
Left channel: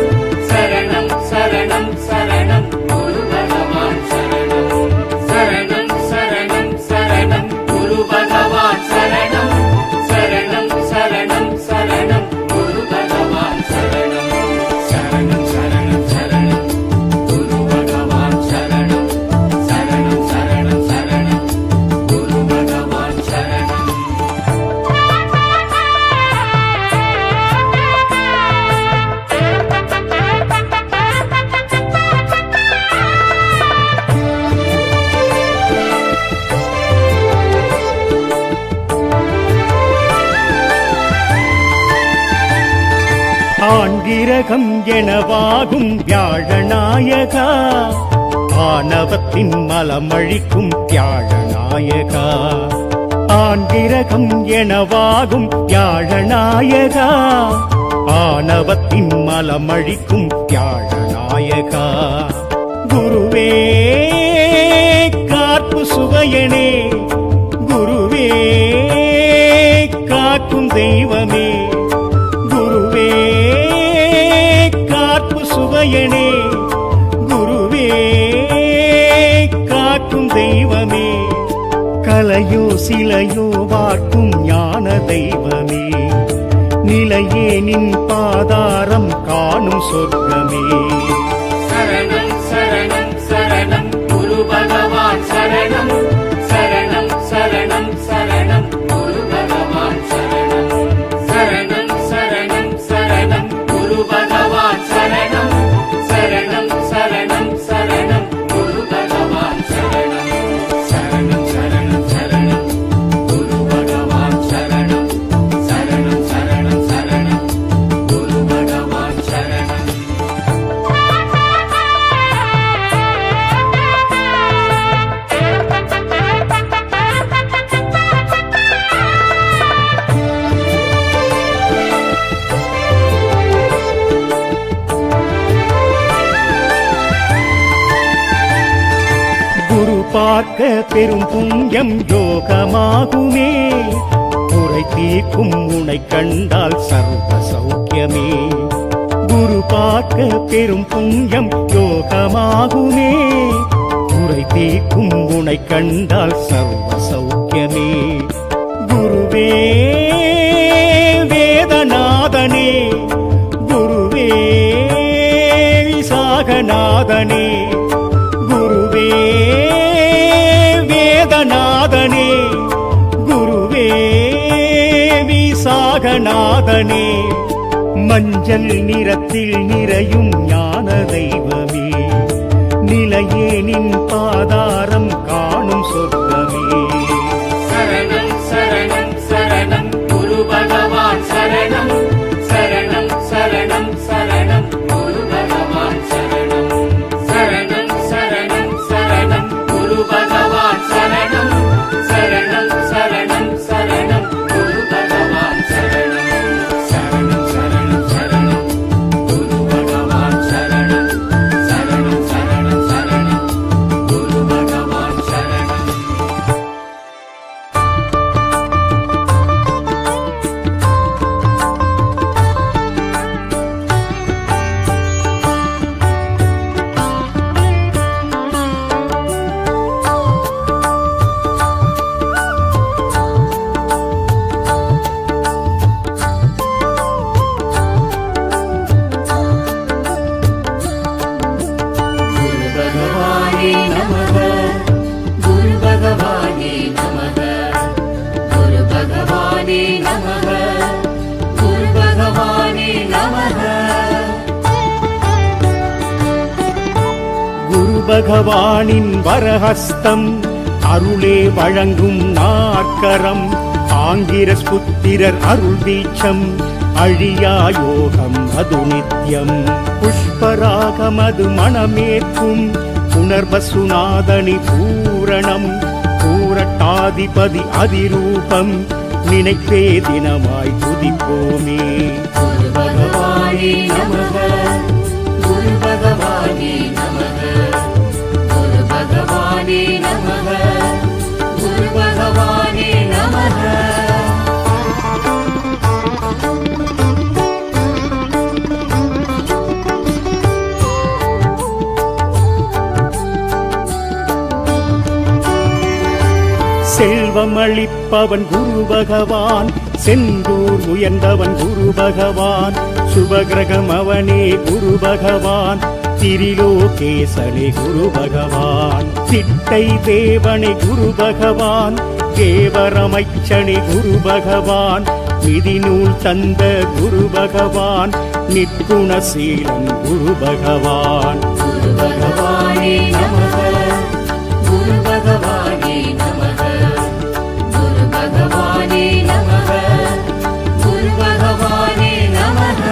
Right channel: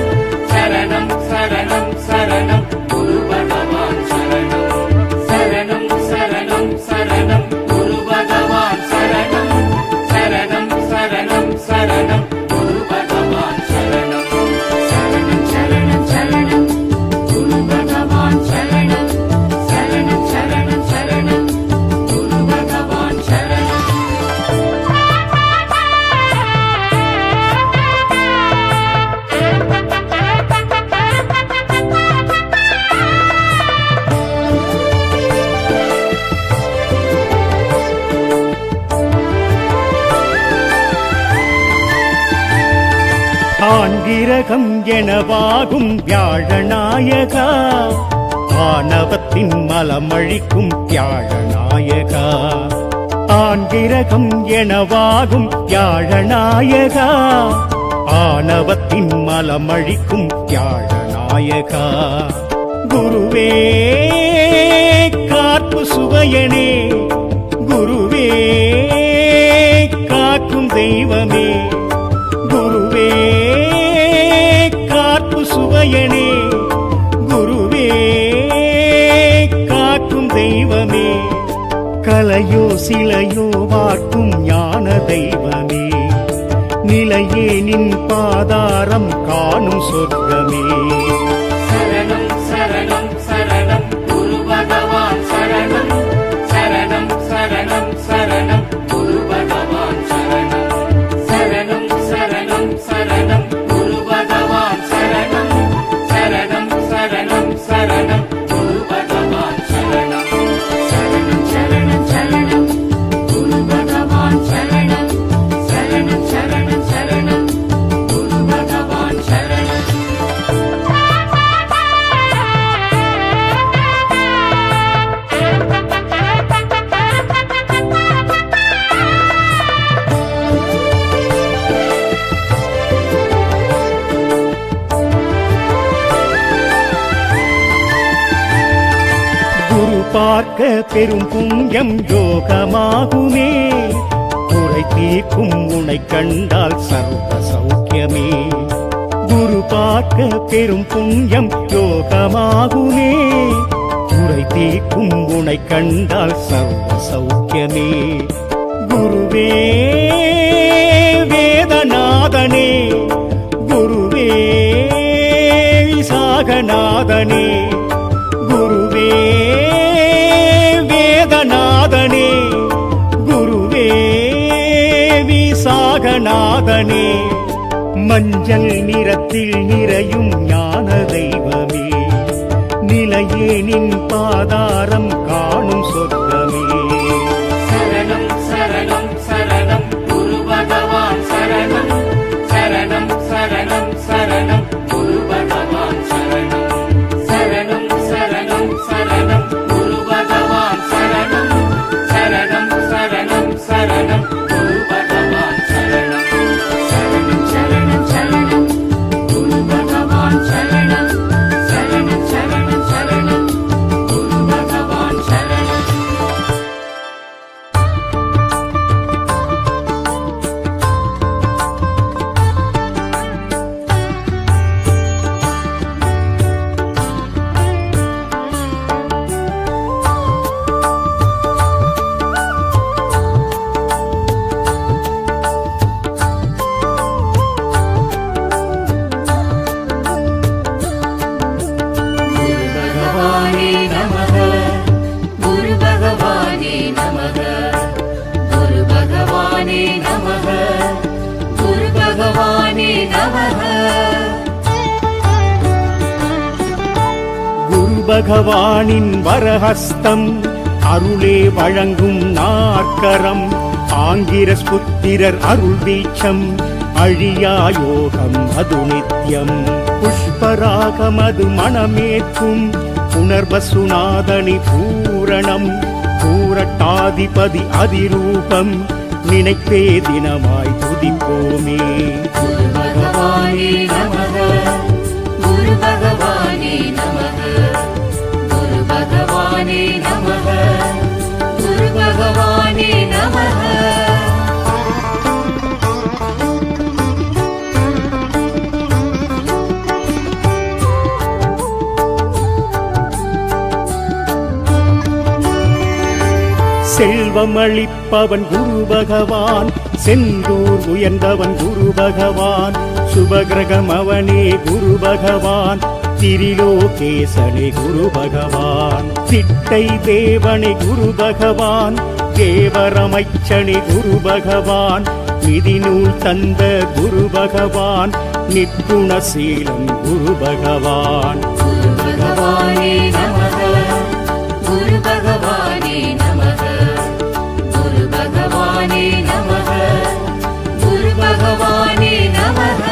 சரணம் சரணம் சரணம் குரு பகவான் சரணம் சரணம் சரணம் சரணம் குரு பகவான் சரணம் சரணம் சரணம் சரணம் குரு பகவான் சரணம் சரணம் சரணம் சரணம் குரு பகவான் சரணம் சரணம் சரணம் சரணம் குரு பகவான் சரணம் ஆண்கிரகம் எனவாகும் வியாழநாயகா ஆணவத்தின் மலமழிக்கும் வியாழநாயகா ஆண்கிரகம் எனவாகும் வியாழநாயகா ஆணவத்தின் மலமழிக்கும் வியாழநாயகா குருவே காப்பு சுவையனே குருவே காக்கும் தெய்வமே குருவே காப்பு சுவையனே குருவே காக்கும் தெய்வமே கலையோ சிலையோ வார்க்கும் ஞான தெய்வமே நிலையே நின் பாதாரம் காணும் சொர்க்கமே சரணம் சரணம் சரணம் குரு பகவான் சரணம் சரணம் சரணம் சரணம் குரு பகவான் சரணம் சரணம் சரணம் சரணம் குரு பகவான் சரணம் சரணம் சரணம் சரணம் குரு பகவான் சரணம் சரணம் சரணம் சரணம் குரு பகவான் சரணம் சரணம் சரணம் சரணம் குரு பகவான் சரணம் குரு பார்க்க பெரும் புண்ணியம் யோகமாகுமே குறை தீர்க்கும் உனை கண்டால் சர்வ சௌக்கியமே குரு பார்க்க பெரும் புண்ணியம் யோகமாகுமே குறை தீர்க்கும் உனை கண்டால் சர்வ சௌக்கியமே குருவே வேதநாதனே குருவே விசாகநாதனே குருவே வேதநாதனே குருவே விசாகநாதனே மஞ்சள் நிறத்தில் நிறையும் ஞான தெய்வமே நிலையே நின் பாதாரம் காணும் சொர்க்கமே சரணம் சரணம் சரணம் குரு பகவான் சரணம் சரணம் சரணம் சரணம் குரு பகவான் சரணம் சரணம் சரணம் சரணம் குரு பகவான் சரணம் சரணம் சரணம் சரணம் குரு பகவான் சரணம் சரணம் சரணம் சரணம் குரு பகவான் சரணம் சரணம் சரணம் சரணம் குரு பகவான் சரணம் குரு பகவானே நமக குரு பகவானே நமக குரு பகவானே நமக குரு பகவானே நமக குரு பகவானின் வரஹஸ்தம் அருளே வழங்கும் நாற்கரம் ஆங்கிரஸ் புத்திரர் அருள் தீட்சம் அழியா யோகம் அது நித்யம் புஷ்பராகமது மணமேற்கும் புனர்வசுநாதனி பூரணம் பூரட்டாதிபதி அதிரூபம் நினைப்பே தினமாய் துதிப்போமே குரு பகவானே நமக குரு பகவானே நமக குரு பகவானே நமக குரு பகவானே நமக செல்வமளிப்பவன் குரு பகவான் செந்தூர் உயர்ந்தவன் குரு பகவான் சுபகிரகம் அவனே குரு பகவான் திரிலோகேசனே குரு பகவான் சிட்டை தேவனே குரு பகவான் தேவரமைச்சனே குரு பகவான் நிதிநூல் தந்த குரு பகவான் நிற்குணசீலன் குரு பகவான் குரு பகவானே நமக குரு பகவானே நமக குரு பகவானே நமக குரு பகவானே நமக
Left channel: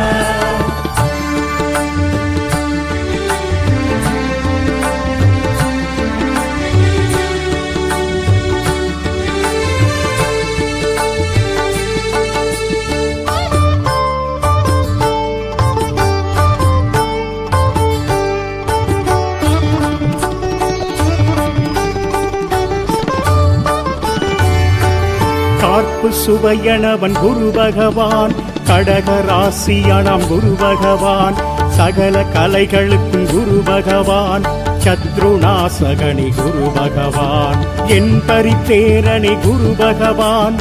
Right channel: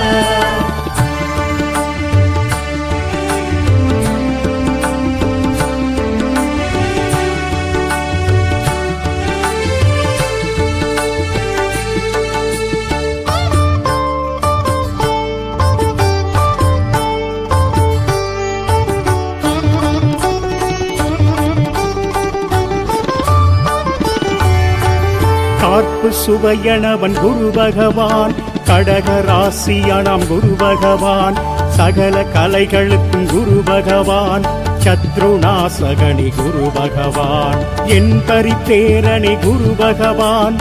கார்ப்பு சுவையனவன் குரு பகவான் கடகராசியானாம் குரு பகவான் சகல கலைகளுக்கும் குரு பகவான் சத்ருநாசகனி குரு பகவான் என் பரித்தேரணி குரு பகவான்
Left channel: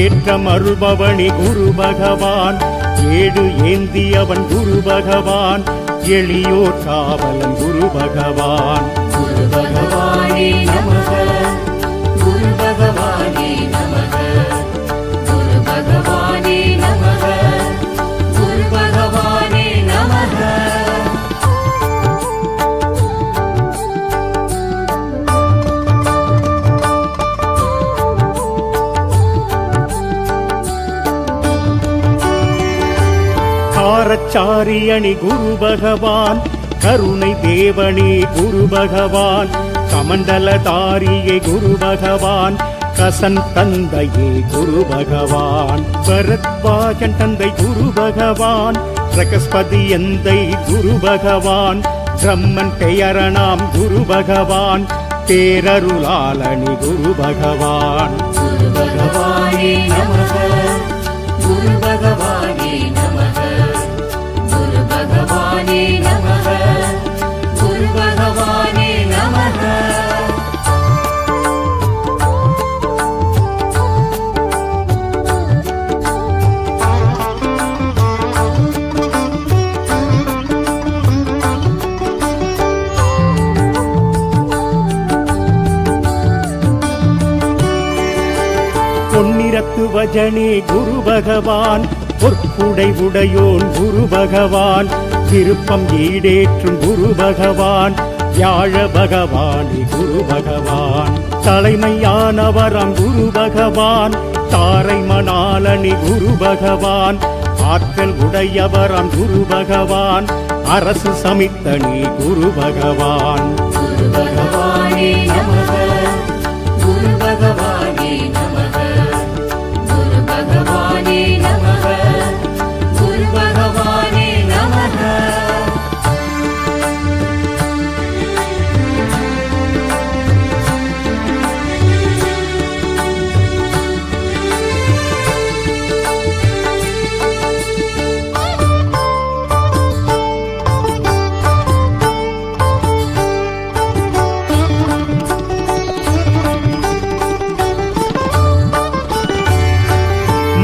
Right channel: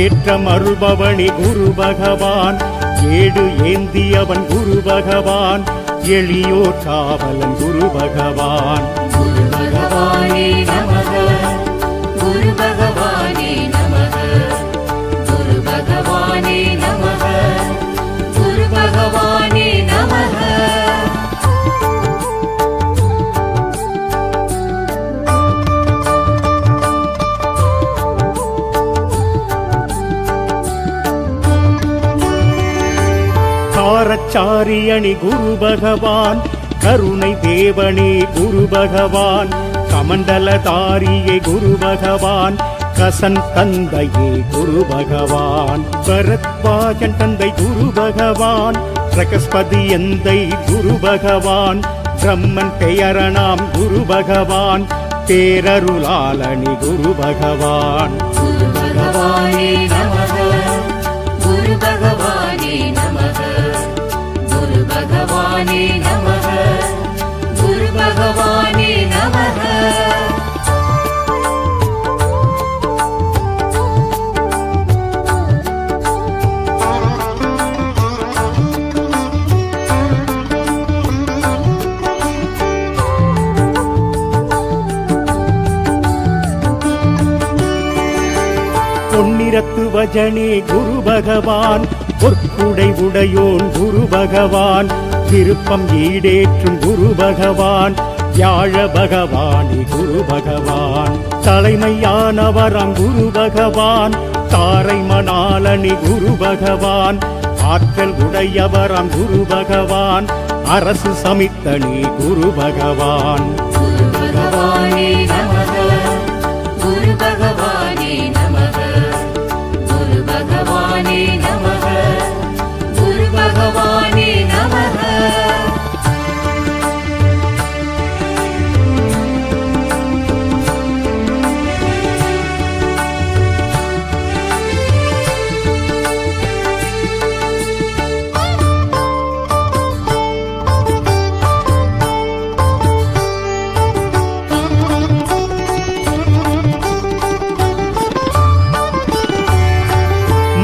ஏற்றம் அருள்பவனி குரு பகவான் ஏடு ஏந்தியவன் குரு பகவான் எளியோர் காவலன் குரு பகவான் குரு பகவானே நமக குரு பகவானே நமக குரு பகவானே நமக குரு பகவானே நமக காரச்சாரியணி குரு பகவான் கருணை தேவனே குரு பகவான் கமண்டலதாரியே குரு பகவான் கசன் தந்தையே குரு பகவான் பரத்வாஜன் தந்தை குரு பகவான் பிரகஸ்பதி எந்தை குரு பகவான் பிரம்மன் பெயரணாம் குரு பகவான் பேரருளாளனி குரு பகவான் குரு பகவானே நமக குரு பகவானே நமக குரு பகவானே நமக குரு பகவானே நமக பொன்னிறத்து வஜனே குரு பகவான் பொற்குடை உடையோன் குரு பகவான் விருப்பம் ஈடேற்றும் குரு பகவான் வியாழ பகவானே குரு பகவான் தலைமையானவராம் குரு பகவான் தாரை மணாலனி குரு பகவான் ஆற்றல் உடையவராம் குரு பகவான் அரசு சமித்தனி குரு பகவான் குரு பகவானே நமக குரு பகவானே நமக குரு பகவானே நமக குரு பகவானே நமக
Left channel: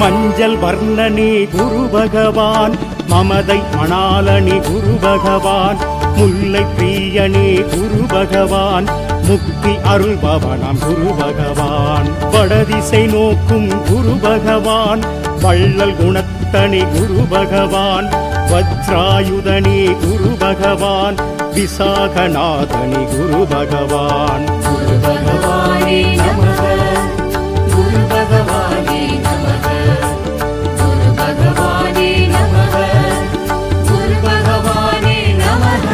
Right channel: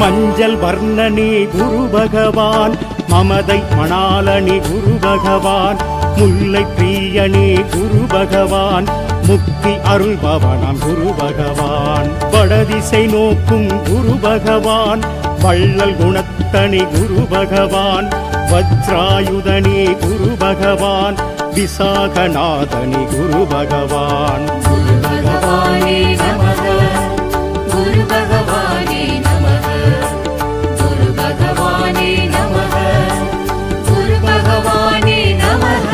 மஞ்சள் வர்ணனே குரு பகவான் மமதை மணாலனி குரு பகவான் முல்லை பிரியனே குரு பகவான் முக்தி அருள்பவனாம் குரு பகவான் வடதிசை நோக்கும் குரு பகவான் வள்ளல் குணத்தனி குரு பகவான் வஜ்ராயுதனே குரு பகவான் விசாகநாதனி குரு பகவான். குரு பகவானே நமக, குரு பகவானே நமக, குரு பகவானே நமக, குரு பகவானே நமக.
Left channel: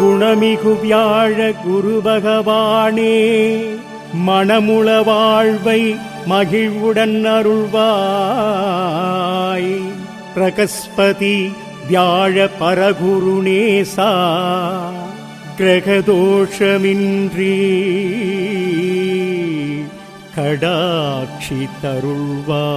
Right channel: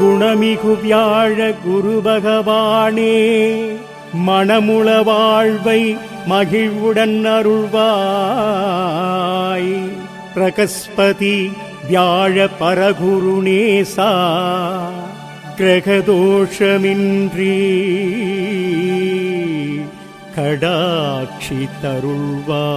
குணமிகு வியாழ குரு பகவானே, மணமுள வாழ்வை மகிழ்வுடன் அருள்வாய். பிரகஸ்பதி வியாழ பரகுருநேசா, கிரகதோஷமின்றி கடாட்சி தருள்வாய்.